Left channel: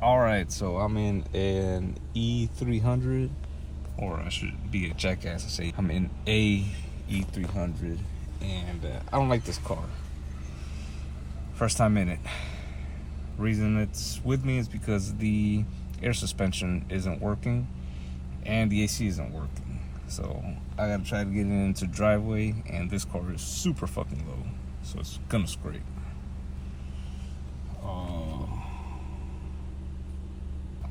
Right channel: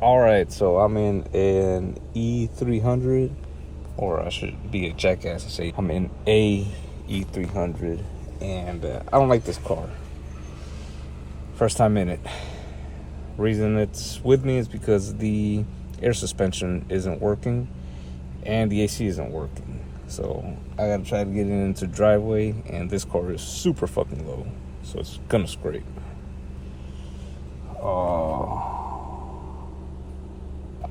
All right, so I'm in an E300, or I should be a jackass and say I'm in a E300, and I don't like this car. First time in it. Reason it's with me is because the air suspension isn't working and the AC isn't working. So I gotta try to get it into driveway, and this car is super fucking low, so it's gonna scrape.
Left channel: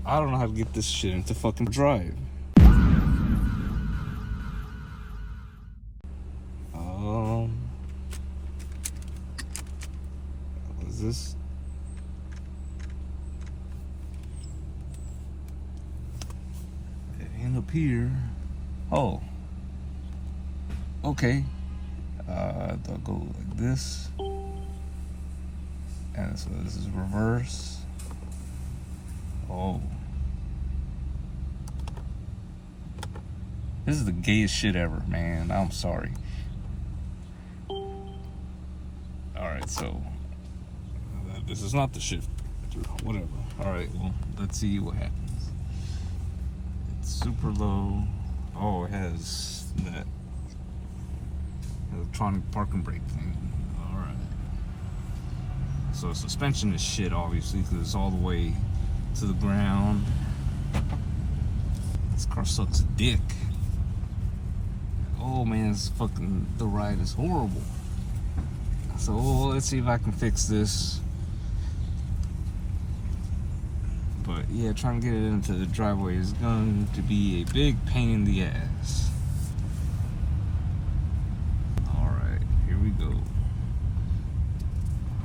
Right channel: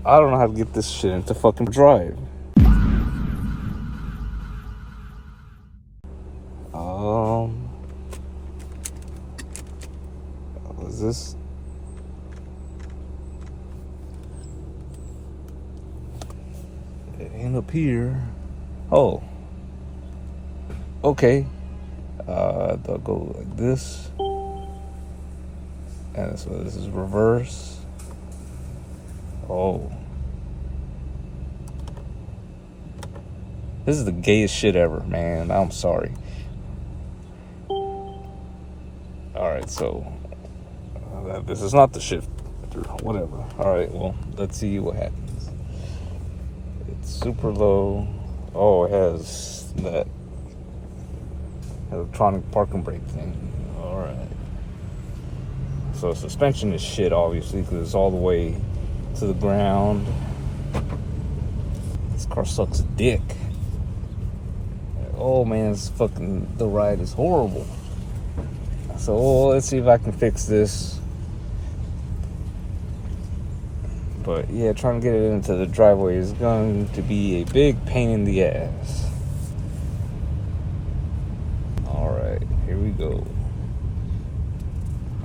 I don't know how to get this shit into fucking drive. Is this? It ain't up here. Oh. Okay. I'll go like this. And so this is reverse. Oh. This is the gayest shit ever, man. I'm sorry. Alright, so this is not the shift. Whatever. Alright, well, let's see what happens. It's super low. Oh, it has that electronic parking brake thing. Alright. So suspension is shit, obviously, because it's all the way to the ground. This car sucks dick. Oh man, the ride is horrible. So let's see if I can fix this. But yeah, trying to get it into the driveway is going to be a big pain in the ass. Alright, here we go.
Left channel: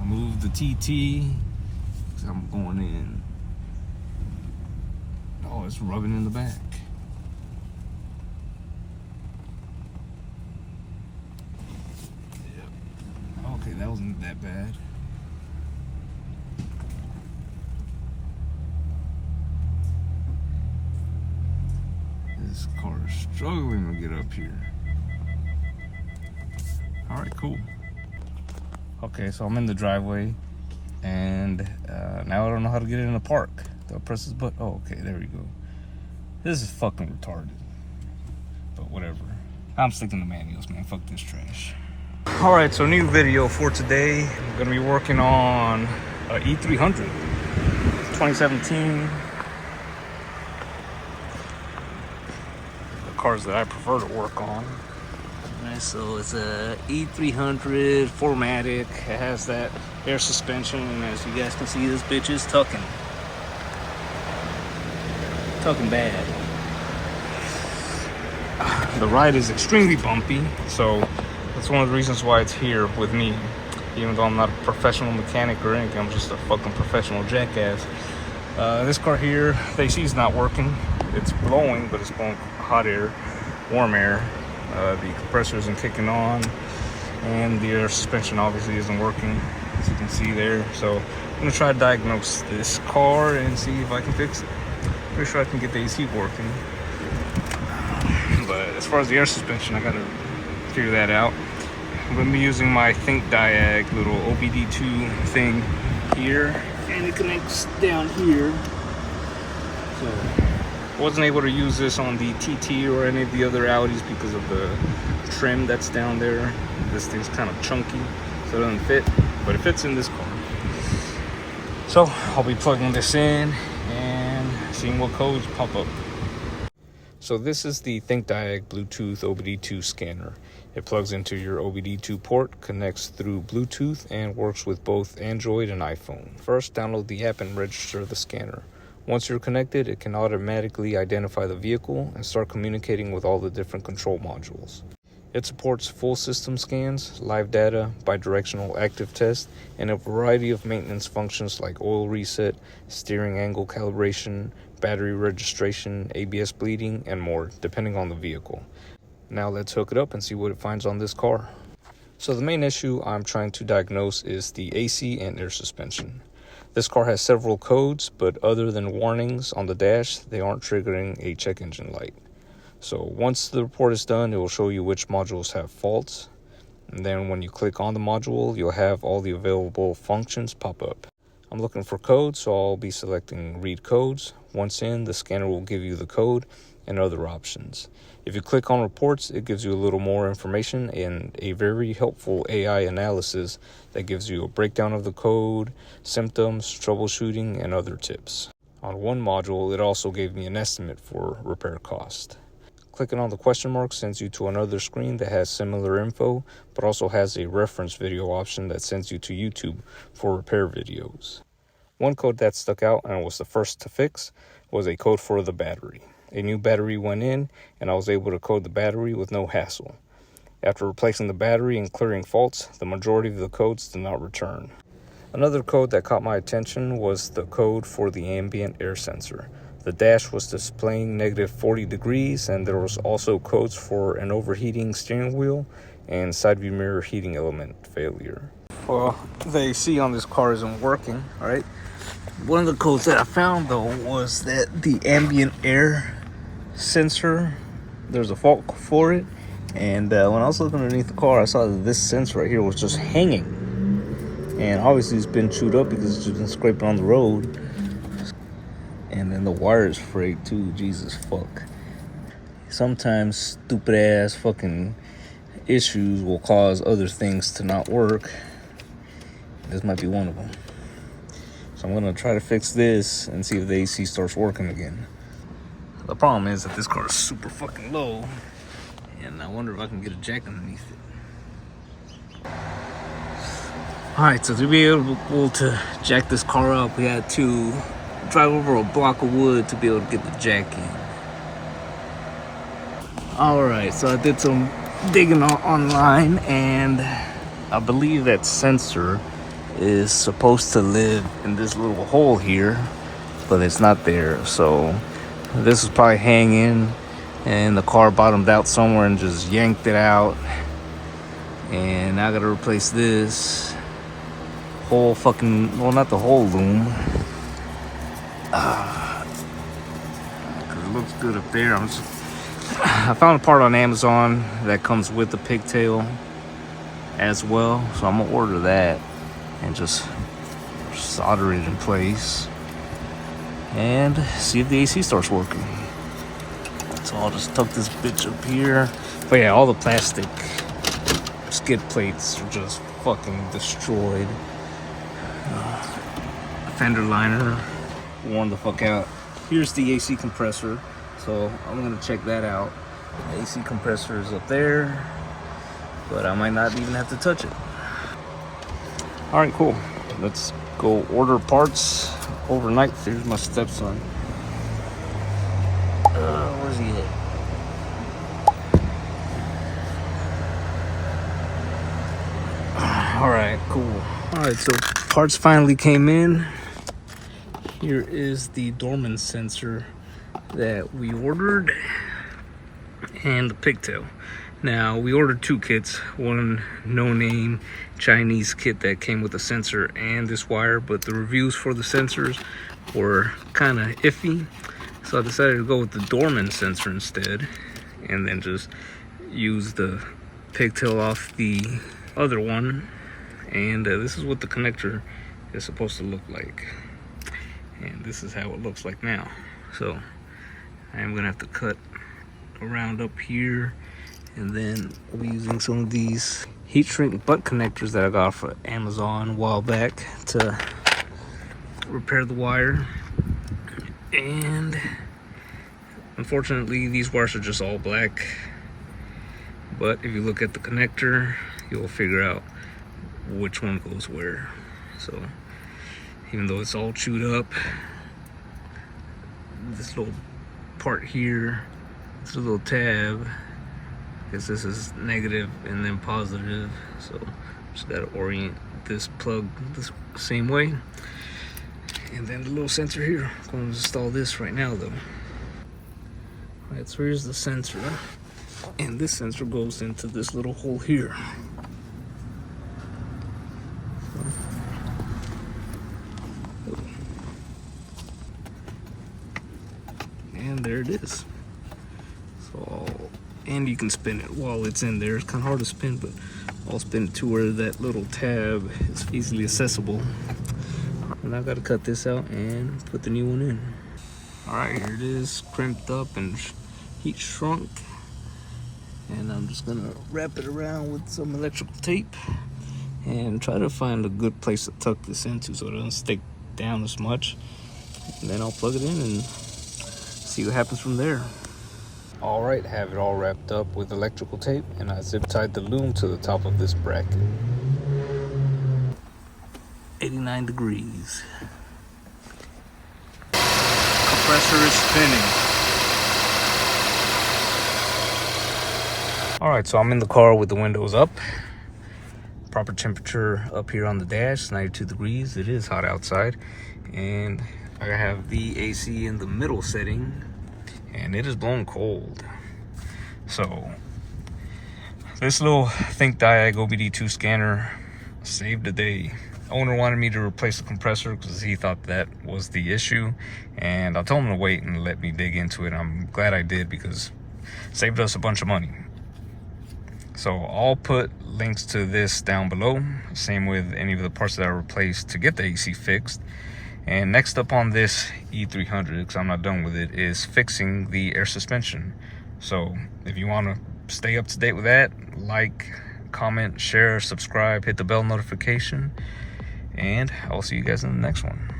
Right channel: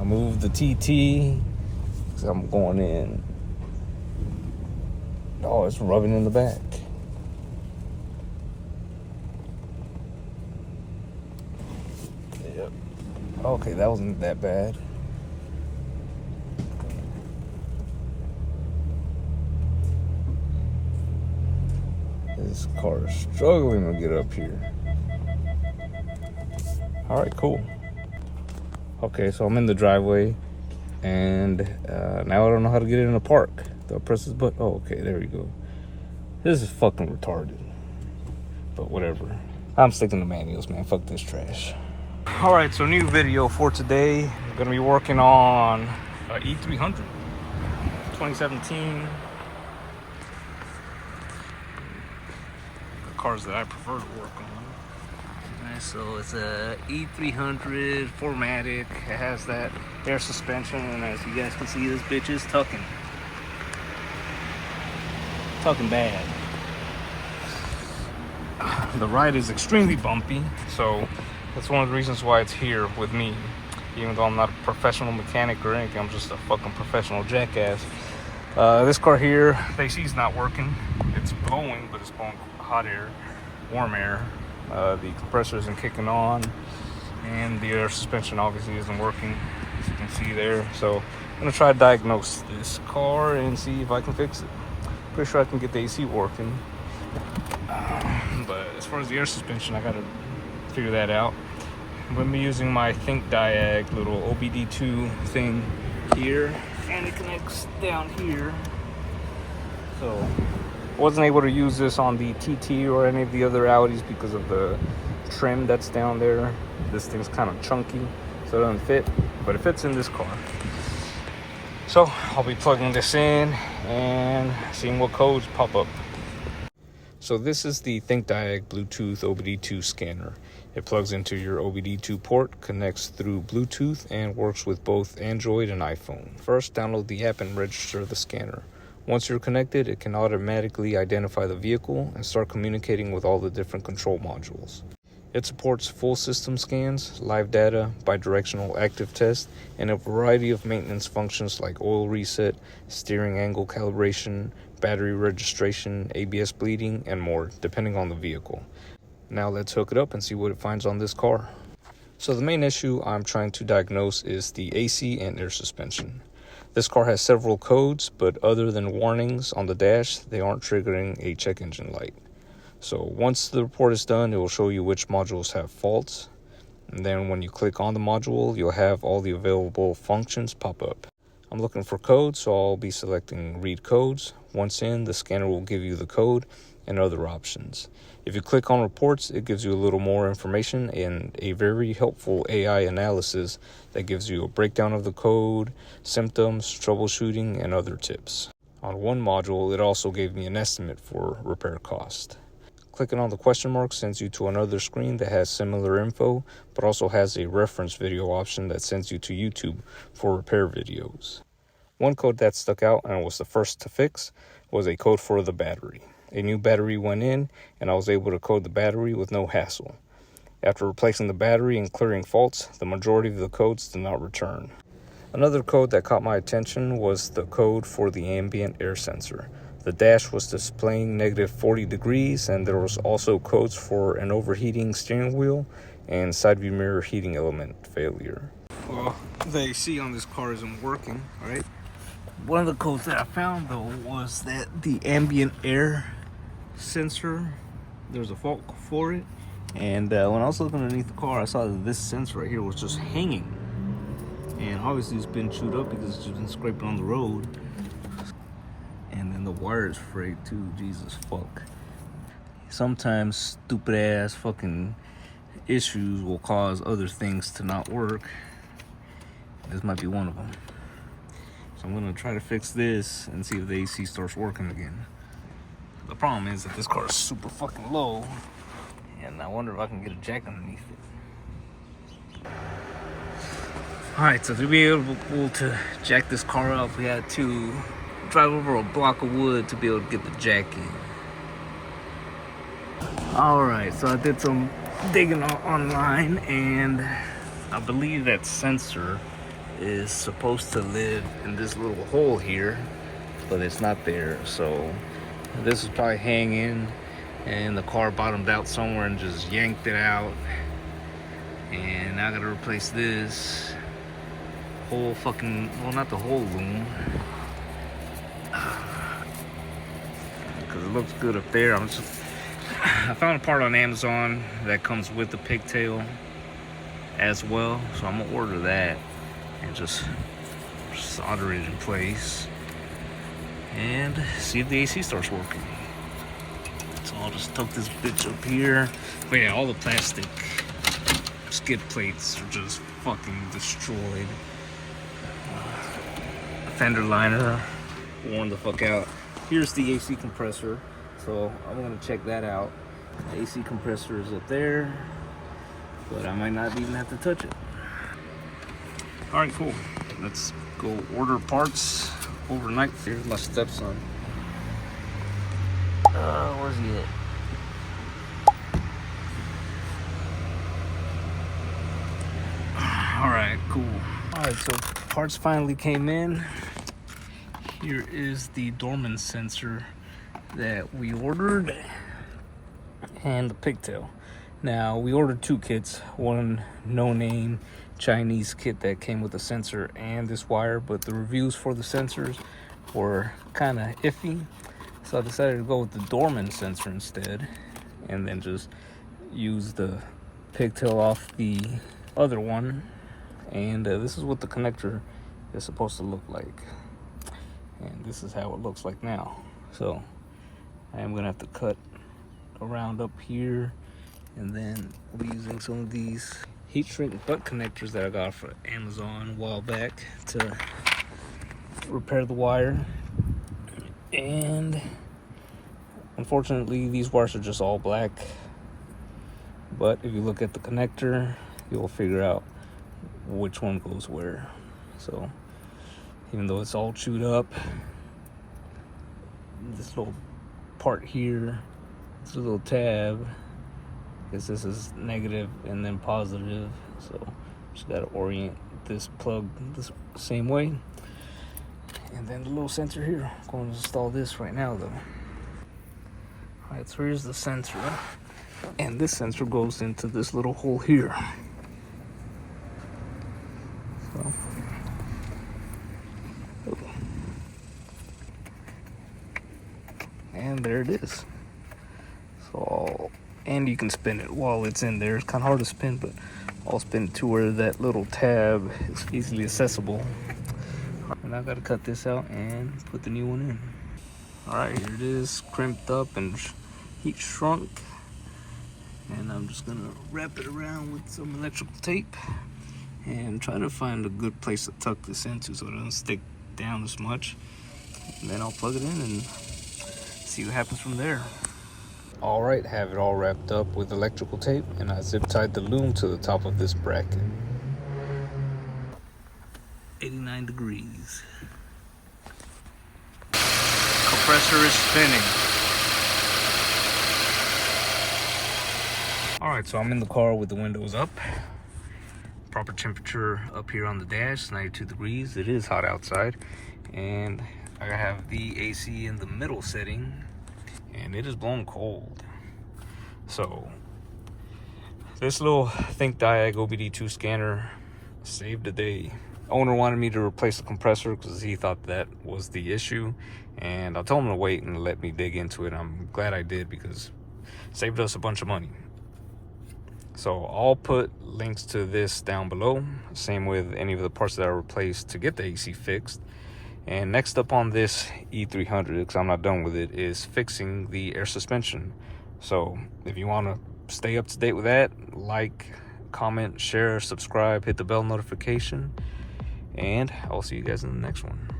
I moved the TT because I'm going in. Oh, it's rubbing in the back. Yep. Okay, that wasn't that bad. This car is struggling to get up here. Alright, cool. Okay, so I'm in the driveway, and now I don't know how to get it in the park. Do I press this button? Oh, okay, there we go. This is fucking retarded. But whatever. I'm sticking to manuals, man. Fuck this trash. Alright, so new video for today. I'm gonna be working on E300 2017. The cars that I prefer to work on. Alright, so it's a E300 4MATIC. It has that air suspension, and as you guys can see, this bitch is tucking bad. The ride is extremely bumpy, so that's one of the reasons why it's here with me. Even though I'm not a professional mechanic or anything, I'm just a fucking professional jackass. This car here, the AC is not working. It's blowing, but it's blowing hot air, warm air. The compressor isn't kicking on, and the air suspension obviously isn't working, as you can see there. So I'm gonna try to diagnose this car and see if I can fix it. Pretty sure I can get the AC working, but as far as the air suspension, I gotta figure that out. I'm gonna be using my THINKDIAG little OBD2 thing here, and it connects down here. So wasn't able to use this on the TT or any of the other Audis because of the trim that's down there. This thing's kind of chunky, so it doesn't fit, but it fits in this car. So I'll be plugging this in and seeing what codes pop up. So this is the THINKDIAG Bluetooth OBD2 scanner. It plugs into your OBD2 port, connects through Bluetooth, and works with both Android and iPhone. First, download the app and register the scanner. Once you're connected, it can automatically identify the vehicle and start communicating with all the different control modules. It supports full system scans, live data, bidirectional active test, and a variety of maintenance functions like oil reset, steering angle calibration, battery registration, ABS bleeding, and more, depending on the vehicle. Now let's hook it up and see what it finds on this car. So the main issue I'm trying to diagnose is the AC and air suspension. This car has several codes, but other than warnings on the dash, they aren't triggering a check engine light. So once the report is done, it will show you which modules have faults. And then when you click on the module, you'll have all the available functions pop up. I'm looking for codes, so I'll be selecting read codes. Once in, the scanner will give you the code and other options. If you click on reports, it gives you a little more information and a very helpful AI analysis that gives you a breakdown of the code, symptoms, troubleshooting, and other tips. On one module, it also gave me an estimate for repair cost. Clicking on the question mark sends you to another screen that has similar info, but also has a reference video option that sends you to YouTube for repair videos. One code that stuck out and was the first to fix was a code for the battery. A new battery went in, and I was able to code the battery with no hassle. After replacing the battery and clearing faults, the majority of the codes did not return. Another code that caught my attention was the code for the ambient air sensor. The dash was displaying negative 40 degrees, and there was also codes for an overheating steering wheel and side view mirror heating element failure. Well, the AC on this car isn't working, right? One of the codes that I found, though, was that the ambient air sensor, there's a fault for it. And when I was looking underneath the car, I saw that this sensor right here was just hanging. And obviously it's been chewed up because it's just been scraping on the road. And then the wire is frayed too. Jesus fuck. Sometimes stupid ass fucking issues will cause other things to not work. This might be one of them. So I'm gonna try to fix this and see if the AC starts working again. The problem is that this car is super fucking low, and I wonder if I can get a jack underneath it. Alright, so to be able to jack this car up, we had to drive over a block of wood to be able to get the jack in. Alright, so I did some digging online, and I believe that sensor is supposed to live in this little hole here, but it's not there. So this is probably hanging, and the car bottomed out somewhere and just yanked it out. And now I gotta replace this whole fucking, well, not the whole loom, because it looks good up there. I found a part on Amazon that comes with the pigtail as well, so I'm gonna order that and just solder it in place and see if the AC starts working. So I'll just tuck this bitch up here. But yeah, all the plastic skid plates are just fucking destroyed. Fender liner worn the fuck out. Here's the AC compressor, so I'm gonna check that out. The AC compressor is up there, but I might not even have to touch it. All right, cool. Let's go order parts overnight. Here's my stepson. Where's he at? All right, cool. All right, so parts finally came in. Here is the Dorman sensor that we ordered and the pigtail. Now, we ordered two kits, one no-name Chinese kit that came with a sensor and this wire, but the reviews for the sensors were kind of iffy. So I decided to go with the Dorman sensor instead, and then just use the pigtail off the other one. And this is what the connector is supposed to look like. And this is how it looks like now. So I am gonna have to cut around up here, and then I'll be using some of these heat shrink butt connectors that I got for Amazon a while back to repair the wire. And unfortunately these wires are just all black, but if you look at the connector, you'll figure out which one goes where. So even though it's all chewed up, this little part here, this little tab, because this is negative and then positive, so just gotta orient this plug the same way. And then the little sensor here, I'm going to install this right now though. Alright, so here's the sensor, and this sensor goes into this little hole here. So, and there it is. So, and you can spin it while it's in there. It's kind of hard to spin, but I'll spin it to where that little tab is easily accessible. And I gotta cut this out and put the new one in. All right, here it is, crimped up and heat shrunk. And I'm just gonna wrap it around with some electrical tape and try to find a good place to tuck this into so it doesn't stick down as much. And then I'll plug it in and see what happens from there. All right, have it all wrapped up with electrical tape, and I zip tied the loom to the top of this bracket. 89 degrees. Compressor is spinning. All right, so I'm in the car with the windows up. Proper temperature up here on the dash, 92 degrees. It is hot outside. And I have the AC in the middle setting, and it is blowing cold. So this little THINKDIAG OBD2 scanner saved the day. Owner wanted me to replace the compressor because he thought that was the issue, and I told him to wait and let me dig into it. I'm glad I did because it saved us a bunch of money. So I'll put links to this down below, same with any of the parts that I replaced to get the AC fixed. And next up on this E300, because I'm not done with it, is fixing the air suspension. So if you want to stay up to date with that, like, comment, share, subscribe, hit the bell notification, and I'll see you guys in the next one.